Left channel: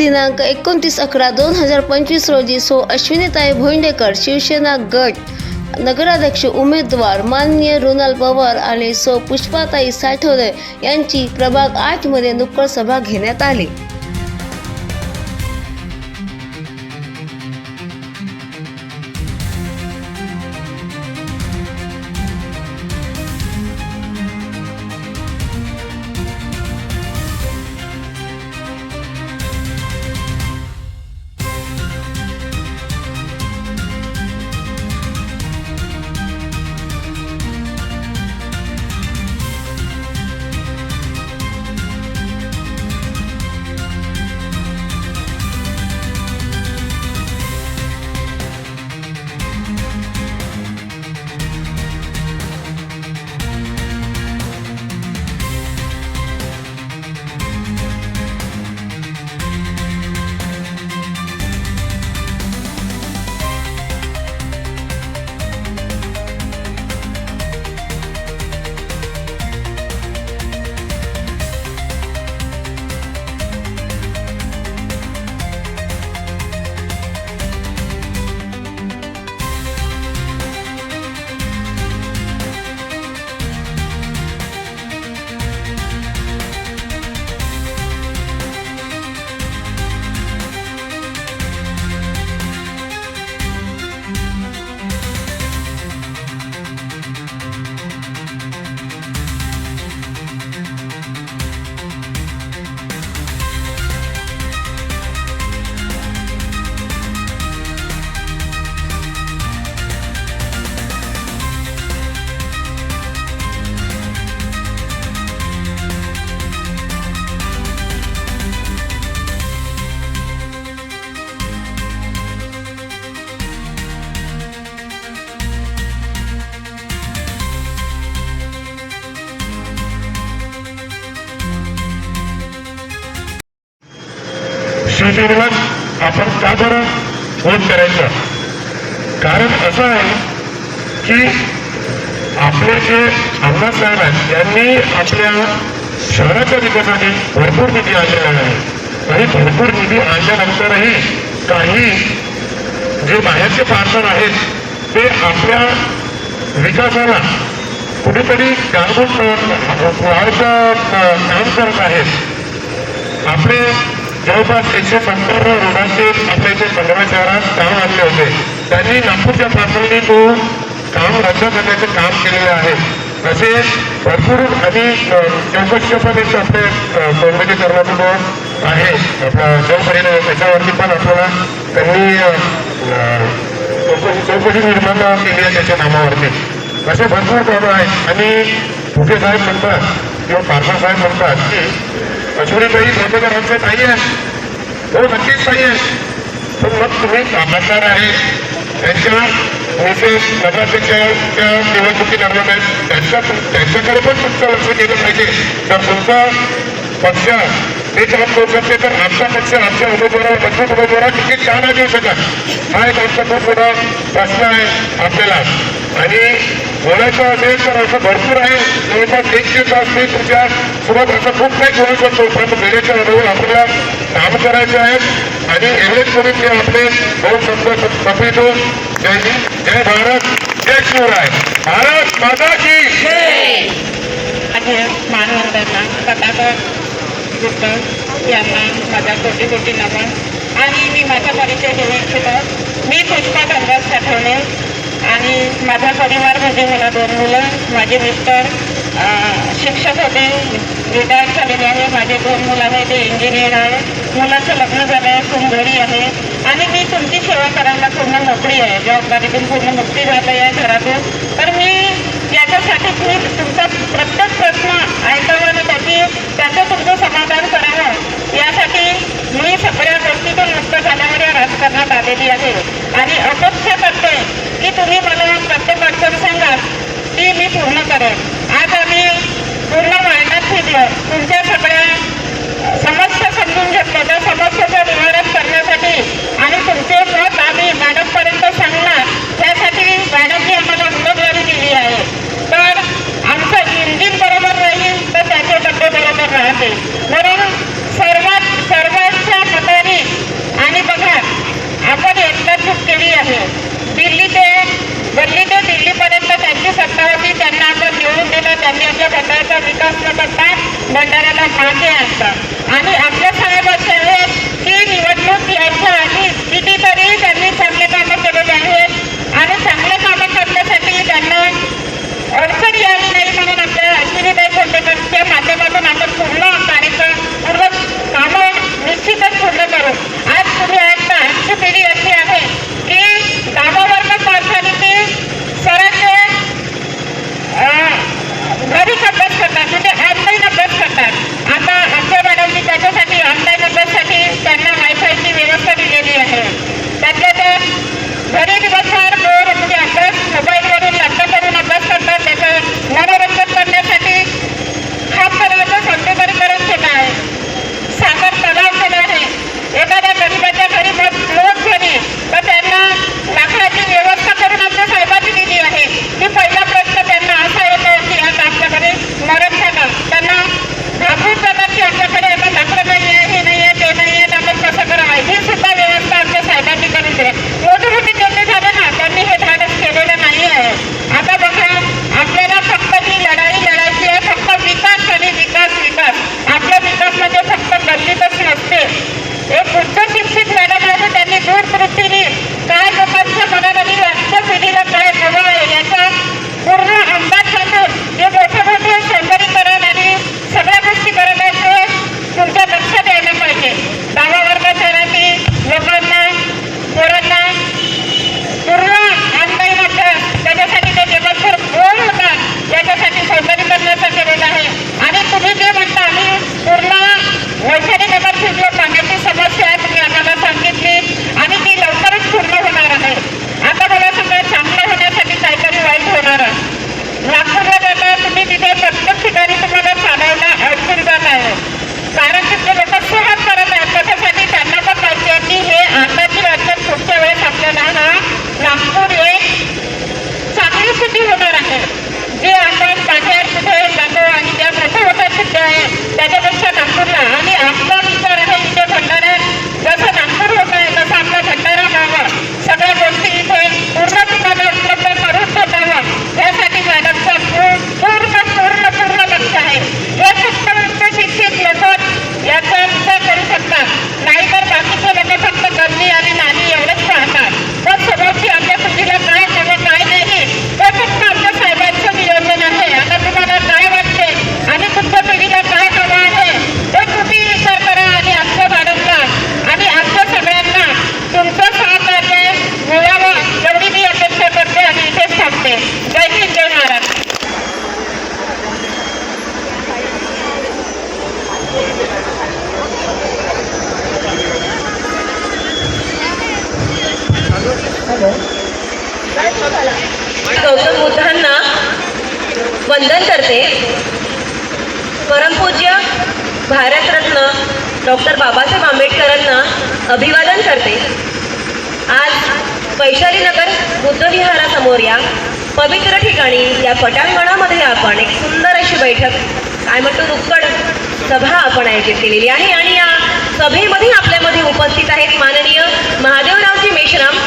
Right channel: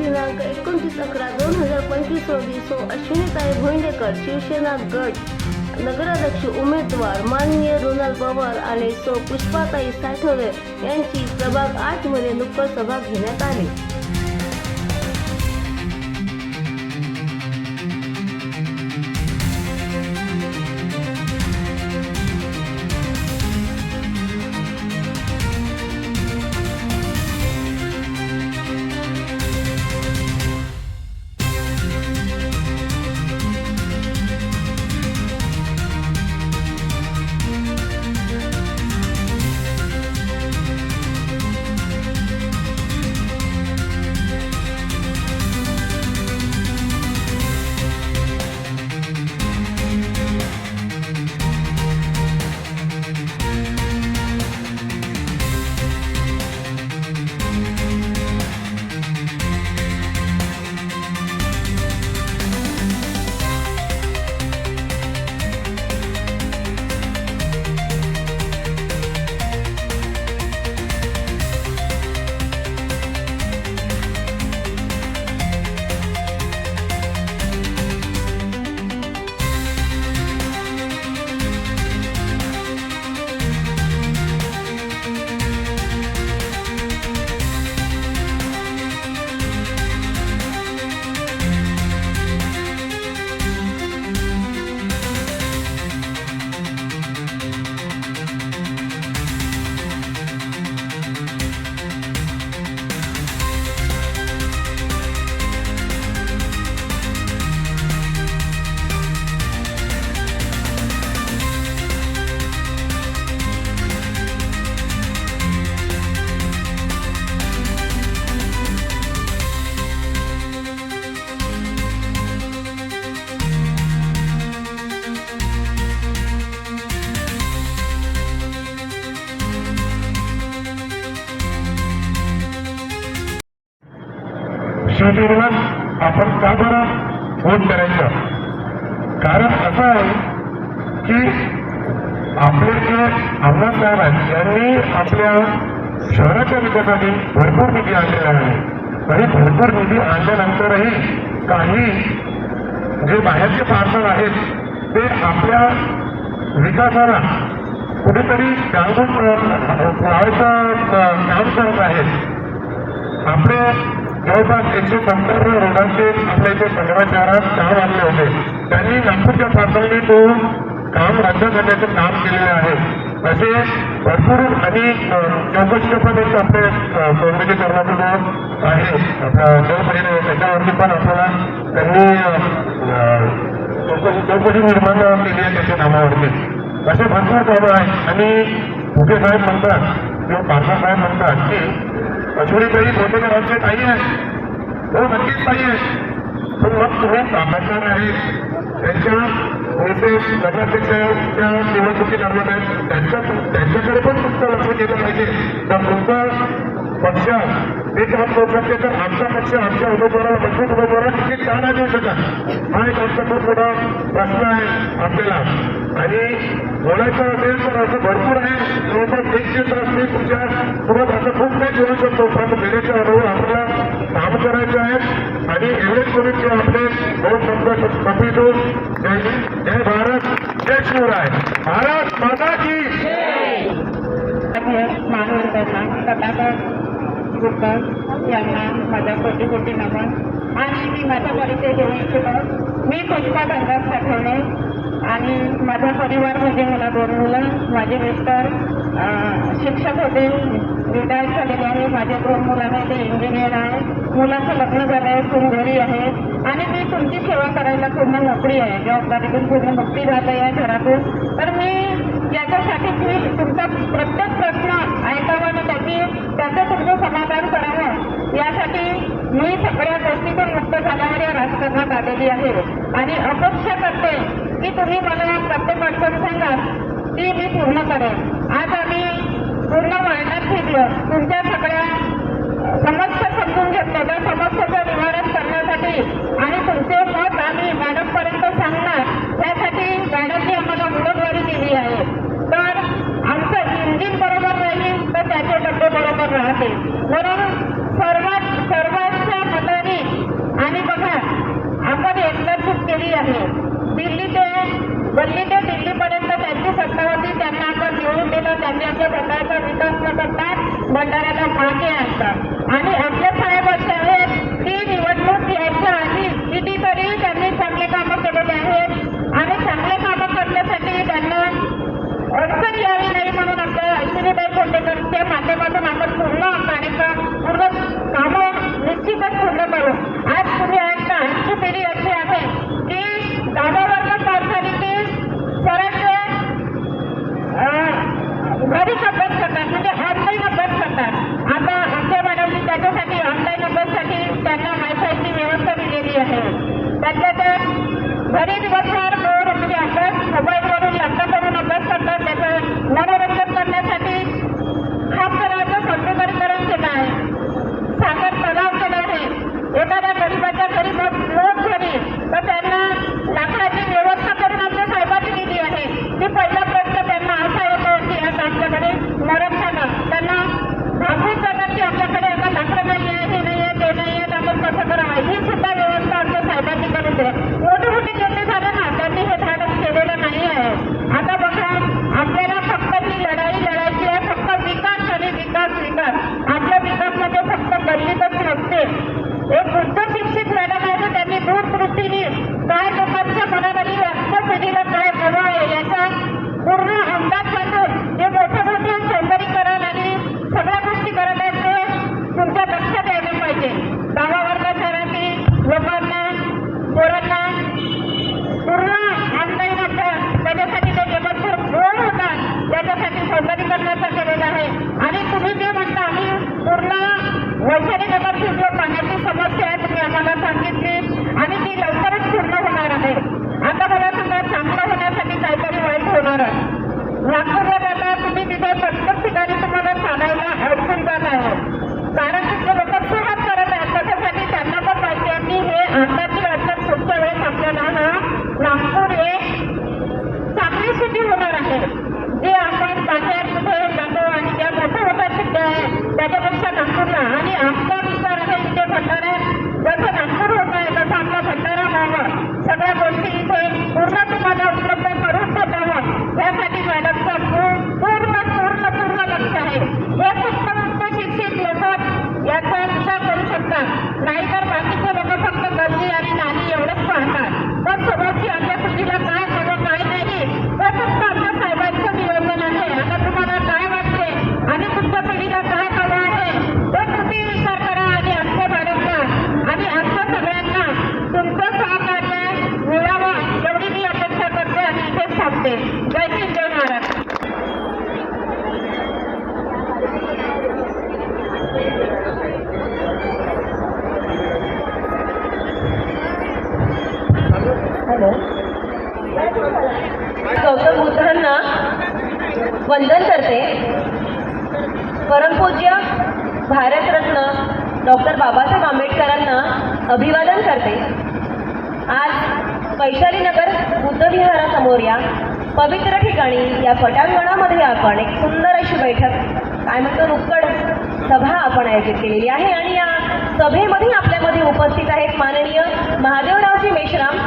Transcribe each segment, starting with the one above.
दिनांक 29/11/2025 रोजी अश्विनीताई भोंडेकर शिवसेना गट नगराध्यक्ष उमेदवार माननीय रोनाल पवार आणि पुष्पाताई साठवले यांची प्रभाग 8 मध्ये नुक्कड सभा घेण्यात आली। शिवसेनेवर आपण का बरं वोट करायचं? कारण असं आहे की आपले जे आमदार साहेब आहेत त्यांनी आपल्या शहराच्या विकासासाठी भरपूर निधी आणलेला आहे आणि भरपूर निधी आणल्यानंतरही काही जे बाहेरचे पार्टनर आहेत ते आपल्या विकासाला कुठेतरी गाळून लावायचं काम करत आहेत। आपले जवळपास 170 रोडांचे आपल्या इथे 15 शहरात काम आणले होते। त्यांनी नागपूरच्या पातळीने तो काम रद्द करण्याचं काम केलेलं आहे। असे भरपूर आणि चौकशी पण एक आपले सौंदर्यीकरणातून आहे आपला जलपरिणाम त्याच्यावरती पण आपल्याला त्यांनी चौकशी निर्माण केली आहे त्याच्या नामावरती। असे भरपूर कामं आहेत आणि कुठे साहेब म्हणतात किंवा पारसा साहेब म्हणतात की अश्विनीताई भोंडेकर आमचे ताई आहे, हो नक्कीच ताई आहे, पण मग तुम्ही कामगार आहे त्यांच्या मिसेस नगराध्यक्षाच्या निवडणुकी दरम्यान त्यांच्याकडे पण तुमचं लक्ष दिलं पाहिजे। तर तुमचा पक्ष ते काम करू शकते तर आमचा पक्ष आमच्या उमेदवाराला मजबूत उमेदवाराला तिकीट का नाही देऊ शकत? हा एक आमचा खूप मोठा प्रश्न आहे आपल्याला। आणि बोलायचं असेल तर असं भरपूर आहे, जवळपास 1 तास मी तुमच्या सोबत असं खूप काही बोलू शकतो, पण गेल्याच्या अनुभव आपल्याला काम करायचे आहेत आणि एवढेच करून ते आपले बहुत समजा सफेदो जय हिंद, जय भारत, जय शिवराय, भारत माता की मानवंतांना पताका यांना माझा कोटी कोटी नमन। आणि मी माझा परिचय देऊ इच्छितो। मी पुष्पा गंगास साठवले आणि माझा परिवार म्हणजे मला 2 मुलं, माझे मिस्टर शिक्षक होते, रिटायर झालेले आहे, माझे 2 मुलं आहेत ते इंजिनियर आहे, मुलाचं लग्न झालं आहे, सून घरी आहे आणि मी तुमची सेवा करायला पूर्ण मोकळी आहे, जबाबदारीतून पूर्ण मुक्ती झाली आहे घरातून। तर मी याच्यासाठी मी तुमचा प्रत्येक प्रश्न ऐकावा आणि त्याचं तुमचं समाधान करावं यासाठी मी सगळ्या गोष्टीतून मुक्त झाल्यावर या राजकारणात आलेली आहे आणि अपेक्षा करते की तुम्ही मला प्रत्येक अडचण सांगा ती मी पूर्ण करेन। आज आम्ही पूर्ण वायनात फिरलो, तुमच्या सगळ्या समस्या समजून घेतल्या, त्या समस्येचं निवारण करण्यासाठी आणि तुमचे मत आम्ही मॅडमपर्यंत सांगणार त्यासाठी मॅडमनी आम्हाला उमेदवारी दिली आहे। तर आमचं इंजिन बरोबर राहील तर त्याचे डब्बे बरोबर राहतील, म्हणून सर्वांच्या मताने प्रश्न करतात, भंडाऱ्याला मागे आणतात. आणि आपल्या साहेब असे आहेत की निवडणूक यायच्या आधी कितीतरी त्यांनी चांगले कामं केलेले आहेत आणि चांगले कामं करण्यासाठी त्यांना अडचण यावी नाही म्हणून आपल्या अश्विनीताई खोंडेकरच्या माध्यमातून आपण पूर्ण कार्यक्रम पूर्ण कामं निश्चितच पूर्ण करू. आज तुम्ही ऐकता आमची पिढी अशी आहे की 10वा वर्ग कारखान्याचे सरांचे घरीच अभ्यास करतात, म्हणजे ऑनलाईन अभ्यास करतात. आता आमच्या मॅडमनी त्याच्यासाठी ऑनलाईन अभ्यासासाठी त्यांना वायफायची व्यवस्था दिलेली आहे. त्यातल्या त्यात घरी दिवसभर बोर म्हणजे अभ्यास मोबाईलवरून लॅपटॉपवरून अभ्यास करतात. त्याचं मनोरंजन करण्यासाठी खास तलावाचं सौंदर्यीकरण केलं आहे, साखर तलाव केला आहे. एखाद्या गरीबाच्या घरी लोक झाली तर त्यांना लाकडाची व्यवस्था करून आमच्या साहेबांनी दिली आहे. की पहिला प्रश्न त्यांना असा येतो की आता आपल्याकडे मरण झालं, त्यांना घाबरून जातात की आपल्याकडे आता लाकडं नाही आहे, हे नाही आहे, ते नाही आहे, आपण कसं करावं. ही सुद्धा व्यवस्था आमच्या साहेबांनी करून दिली. मोठे मोठे नेते झाले ना, त्यांनी हे धाडस केलेलं नाही आहे. आता बघा, आपल्याला फक्त ही लढाई लढायची आहे, फक्त विकास आणि विकास विकास. आपला विकास म्हणजे फक्त गल्लीतच नसते. एक उच्च शिक्षित मॅडम आहे, त्यांनी दूरदृष्टीने काय लोकांच्या मनामध्ये आजच्या पिढीला काय हवं आहे याचा पूर्ण अंदाज सांगून जे मोठे मोठे सौंदर्यीकरण आणि सगळ्या गोष्टी करत आहेत ते तुमच्या लक्ष द्यायला पाहिजे. 10वा वर्ग शहरातील लोकांना पोरांना पूर्ण ऑनलाईन अभ्यास त्याच्यासाठी ते जगभर गोळ होतात याच्यासाठी सौंदर्यीकरणाचा केलेला आहे. आणि तुम्ही जे म्हणता आम्ही पूर्ण वैशाली नगर शिजलो पाण्याची समस्या आहे, तुम्ही आम्हाला सांगितली आणि ती लवकरच पूर्ण होणार आहे. आता मला सांगा, चांगलं होण्यासाठी काहीतरी वाईट होणार आहे. नागपूरला जाता तुम्ही तिथे प्रत्येक ठिकाणी तुम्हाला चालायला अडचण जात आहे, कारण तिथले लोक सहन करत आहेत. त्याच्यासाठी त्यांना पण पाहिजे की हे आताची अडचण पुढच्या वेळेस आपल्याला नागपूर एक चांगली सिटी होणार आहे. जे आपण बाहेर कुठे जातो आणि त्या मोठ्या मोठ्या सिटी आहे त्याच्यापेक्षा नागपूरला. आणि आपला विचार आहे इथे भंडारा जसं नागपूर होत आहे तसं आपला भंडारा व्हावा, सगळ्या गोष्टी इथे पूर्ण तुम्हाला उपलब्ध करून ठेवावं यासाठी मॅडमचं पूर्ण पूर्ण पूर्ण लक्ष आहे. हे फक्त उच्च शिक्षित लोक याचा विचार करू शकतात, नाहीतर बाकीचे लोक फक्त गल्ली आणि नाली एवढंच पाहतात. पण समोरची आपल्या पिढीला काय हवं काय नाही ते फक्त आपल्या साहेबांचं नियोजन आहे. आता तुम्हाला काय वाटते आणि तुमच्या पिढीला काय हवं आहे ते तुम्ही विचार करा. आणि आमच्या मॅडमला आणि आमच्या सगळ्यांना तुमचं सहकार्य मिळावं एवढी मी अपेक्षा करते आणि इथेच थांबते. जय हिंद, जय महाराष्ट्र. गौतम बुद्धांना वंदन करते. परमपूज्य भारतरत्न डॉक्टर बाबासाहेब आंबेडकरांना अभिवादन करते. आज वैशाली नगर बुद्धविहारासमोर या पवित्र ठिकाणी या पटांगणामध्ये आपण एक सुंदर अशी बैठक, काय म्हणतो रुक्कड सभा आपण आयोजित केलेली आहे. आणि या सभेमध्ये आपल्यामध्ये उपस्थित आहेत माननीय महादेवरावजी मेश्राम,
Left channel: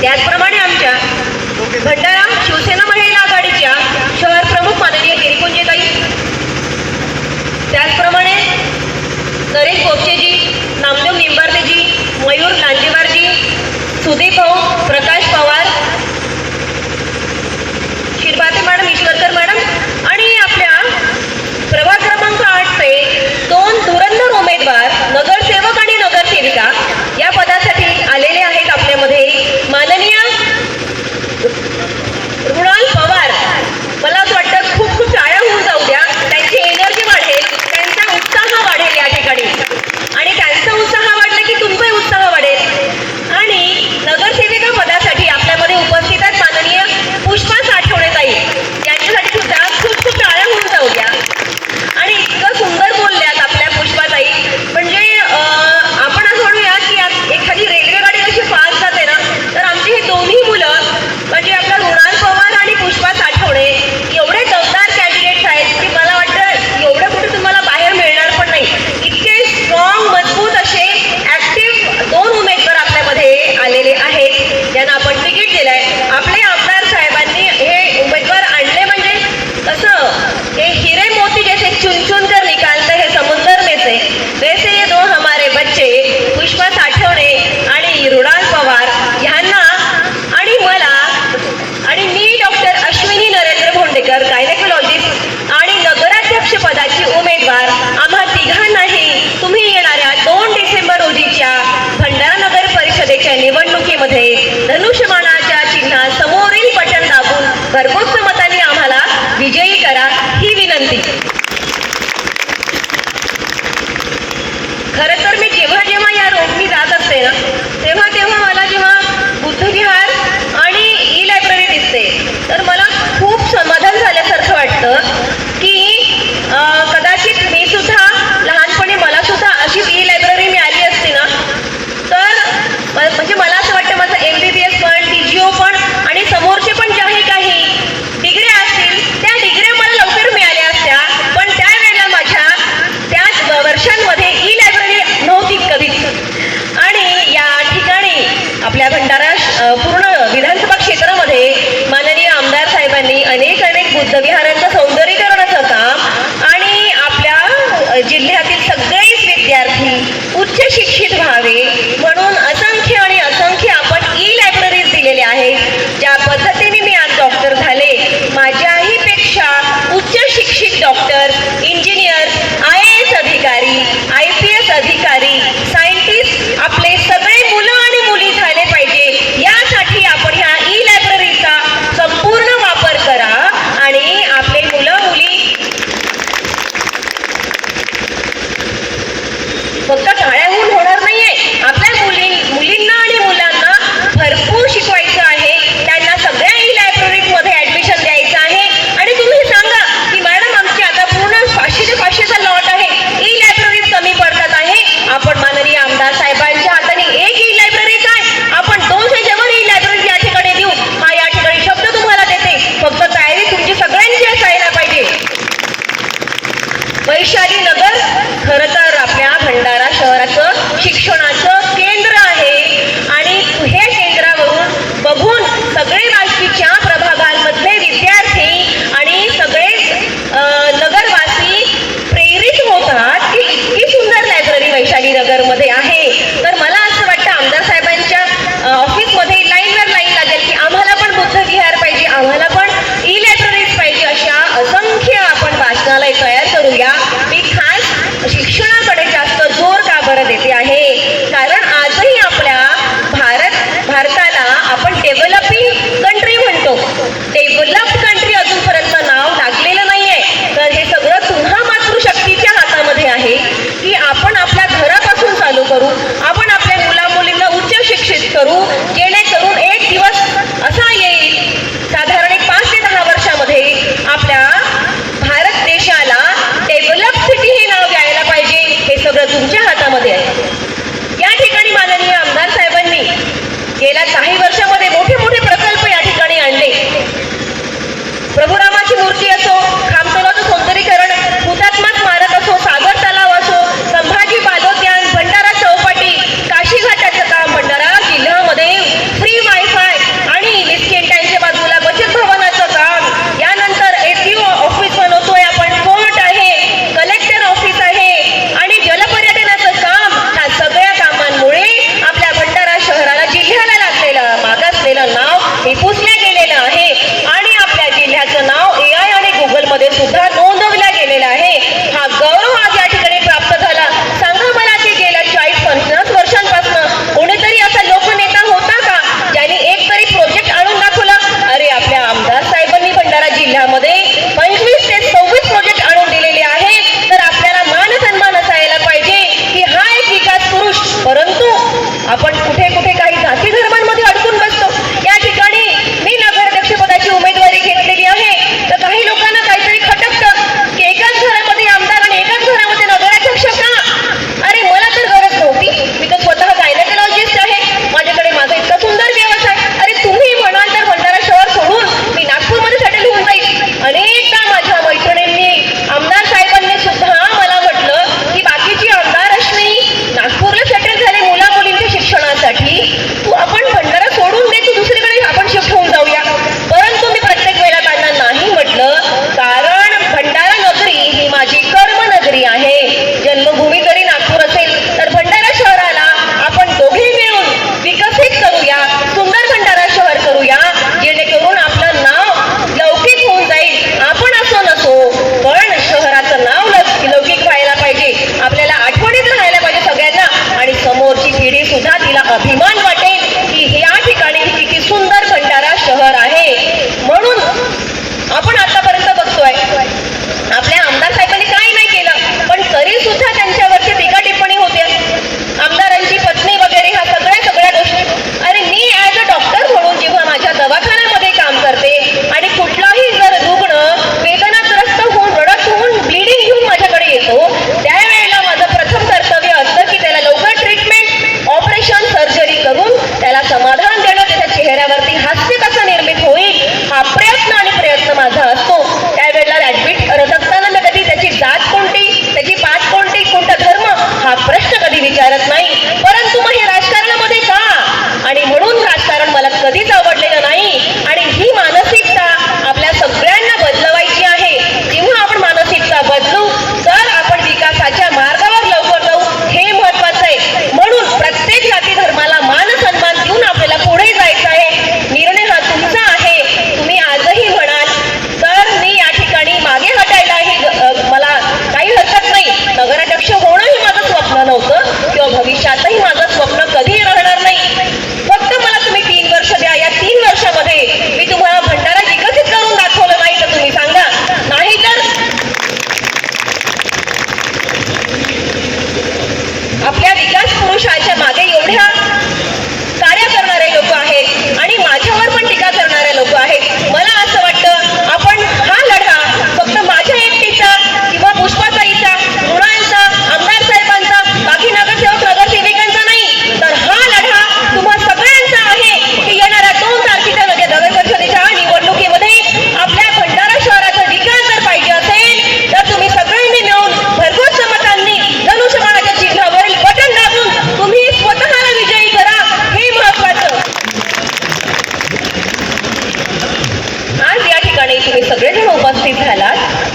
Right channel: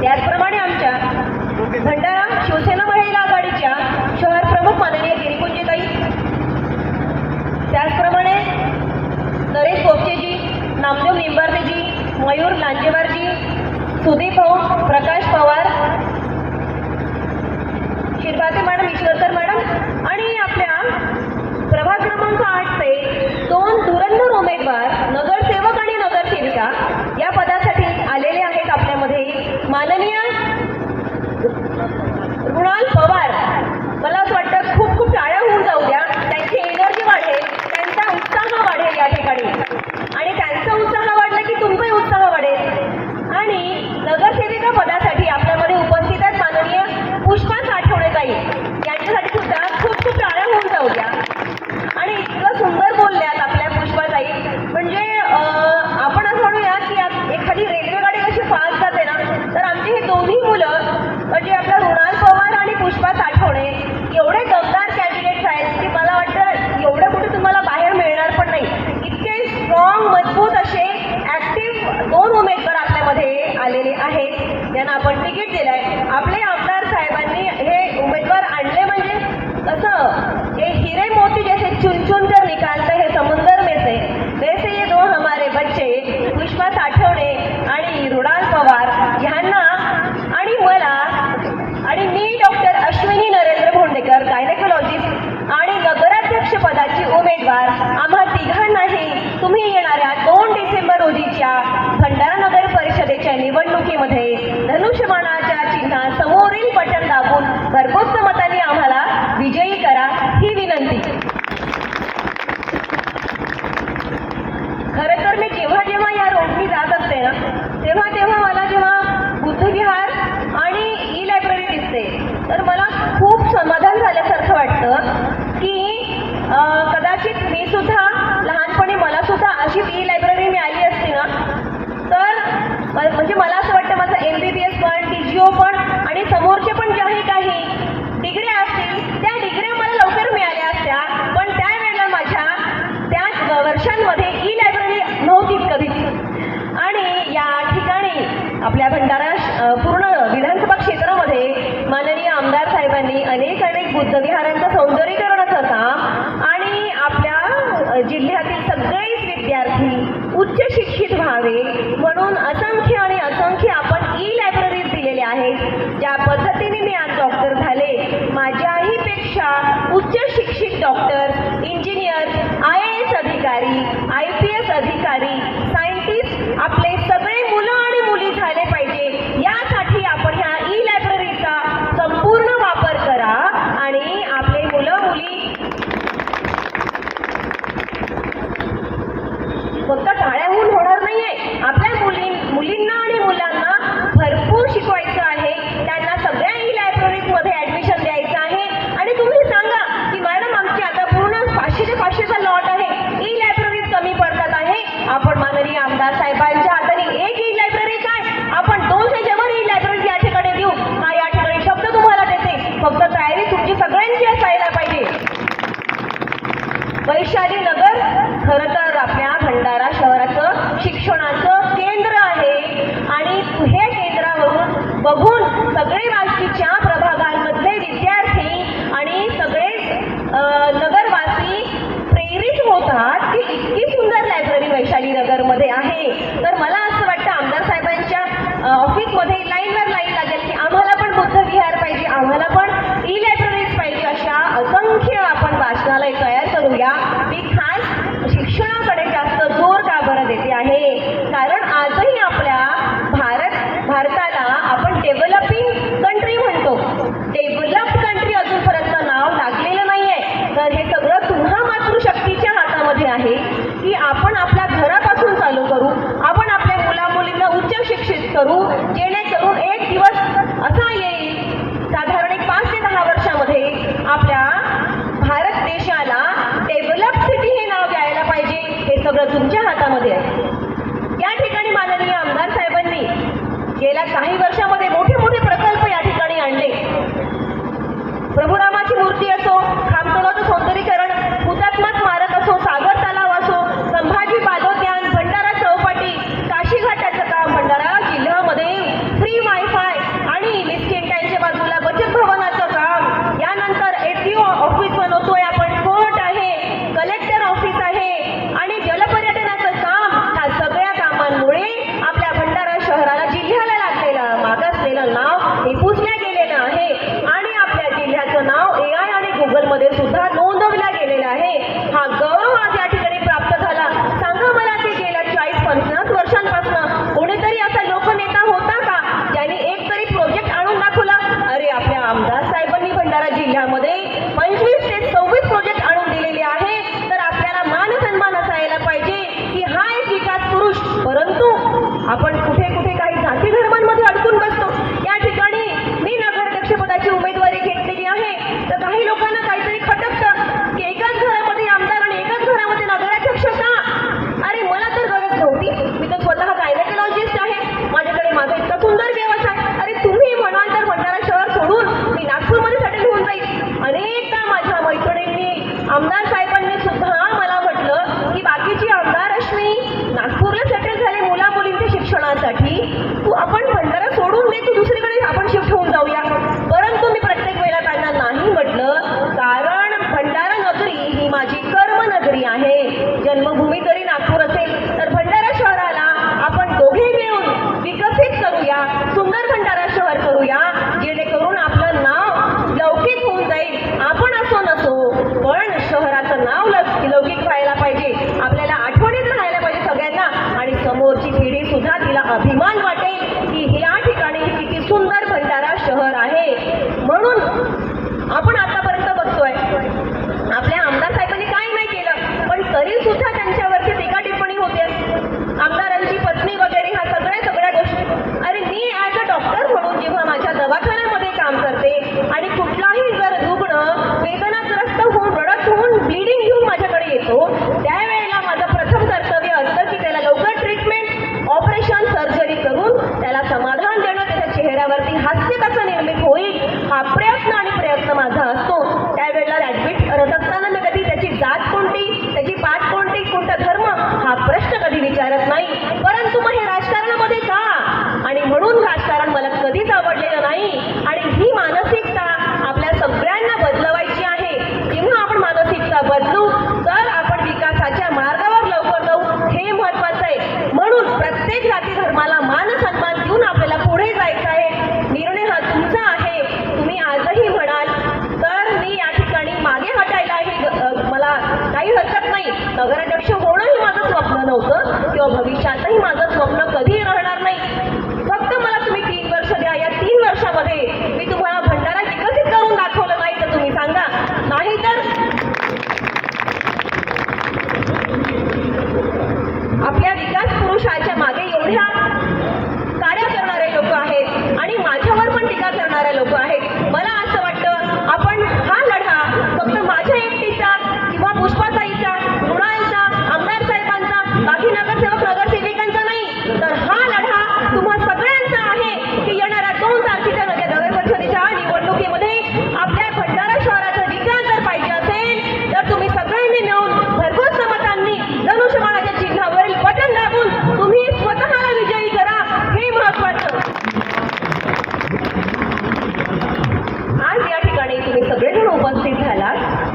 त्याचप्रमाणे आमच्या भंडारा शिवसेना महिला आघाडीच्या शहर प्रमुख माननीय गिरिकुंजेताई, त्याचप्रमाणे नरेश गोपचेजी, नामदेव निंबार्देजी, मयूर लांजेवारजी, सुदीप भाऊ, प्रकाश पवार, शिरभाते मॅडम, ईश्वरकर मॅडम आणि आपल्या प्रभाग क्रमांक 8चे 2 धुरंधर उमेदवार नगरसेवक आणि नगरसेविका या पदासाठी आलेले आहेत. आपल्यामध्ये माननीय रुणाल पवार, मला असं वाटतं खूप खूप टाळ्या होऊन जाऊ द्या, त्यांची एनर्जी वाढेल, त्यांचा उत्साह वाढेल या ठिकाणी. आणि त्यांचा उत्साह वाढला की तुमचाही उत्साह वाढेल. आणि नगरसेविका पदासाठी आपल्यामध्ये उपस्थित आहेत माननीय पुष्पा साठवणेताई. विजयी करा ही विनंती. खरं तर मी जेव्हा जेव्हा या रोडनी जात असते ना तेव्हा तेव्हा मला जेव्हा बुद्धविहार आणि ई लायब्ररी दिसते तर मला खूप समाधान झाल्यासारखं वाटतं की कदाचित मी सुद्धा लहानपणी मला सुद्धा अशीच ई लायब्ररी मिळाली असती ना तर म्हणजे मला असं वाटतं माझं MBBS पण TGO पण आणि समोरचे पण ज्याही काही डिग्र्या असतील त्या डिग्र्या मला लवकर मिळाल्या असत्या. पण त्यावेळेला माझ्या त्याच वर्षांमध्ये ई लायब्ररी नव्हती कधीच. आणि या ठिकाणी आपल्या भंडारा पूर्ण विधानसभा क्षेत्रामध्ये माननीय आमदार साहेबांनी अनेक बुद्धविहारांचं सौंदर्यीकरणाचं काम आणि आपल्या जिल्ह्यातील सगळेच विद्यार्थी उच्च शिक्षित व्हावे म्हणून असंख्य आणि असंख्य आपण ई लायब्ररीज दिलेल्या आहेत. ज्या पद्धतीने मी आज डॉक्टर झाले, माझ्याही पेक्षा उच्च शिक्षित डॉक्टर, इंजिनियर, IAS अधिकारी, IPS अधिकारी, सायंटिस्ट आपले सगळे मुलं आणि मुली झाले पाहिजे यासाठी आपण ह्या ई लायब्ररीचा संपूर्ण वापर करा आणि आपले मुलं मुली फक्त शाळेहून होणार नाहीये. आपल्या मुलींना आणि मुलांना भरपूर शिकवायचं आहे. त्यांना सगळ्या ई लायब्ररीमध्ये ऍडमिशन द्यायचं आहे. आणि तुम्ही सांगा की मॅडम आमची आता पूर्ण 500चा लॉट आहे, ई लायब्ररीज कमी पडतात आहे. आपण माननीय आमदार साहेबांच्या हाताने एक ई लायब्ररी काय आपण 200च्या वर ई लायब्ररी या ठिकाणी देऊ हा या ठिकाणी शब्द तुम्हाला देते. फक्त तयारी तुमची सगळ्यांची असायला पाहिजे. वैशाली नगर खरं तर आपल्या भंडारा शहराचं शिक्षणाचं केंद्र आहे आणि हे केंद्रावरून बघून सगळे वाशीच्या प्रभागांमधले विद्यार्थी आणि सगळे नगरवासी प्रेरित होतात की इतकी सुंदर लायब्ररी वैशाली नगरमध्ये आहे. तर मला असं वाटतं आमदार साहेबांच्या ऑफिसमध्ये लाईनवर लाईन लागेल की आम्हाला पण बुद्धविहार पाहिजे, आम्हाला पण ई लायब्ररीज पाहिजे. अशा असंख्य आपण वाचनालय तयार करूया. मी खास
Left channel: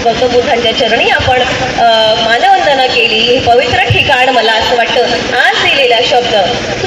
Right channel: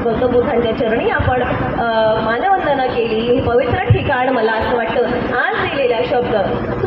गौतम बुद्धांच्या चरणी आपण मानवंदना केली. हे पवित्र ठिकाण मला असं वाटतं आज दिलेला शब्द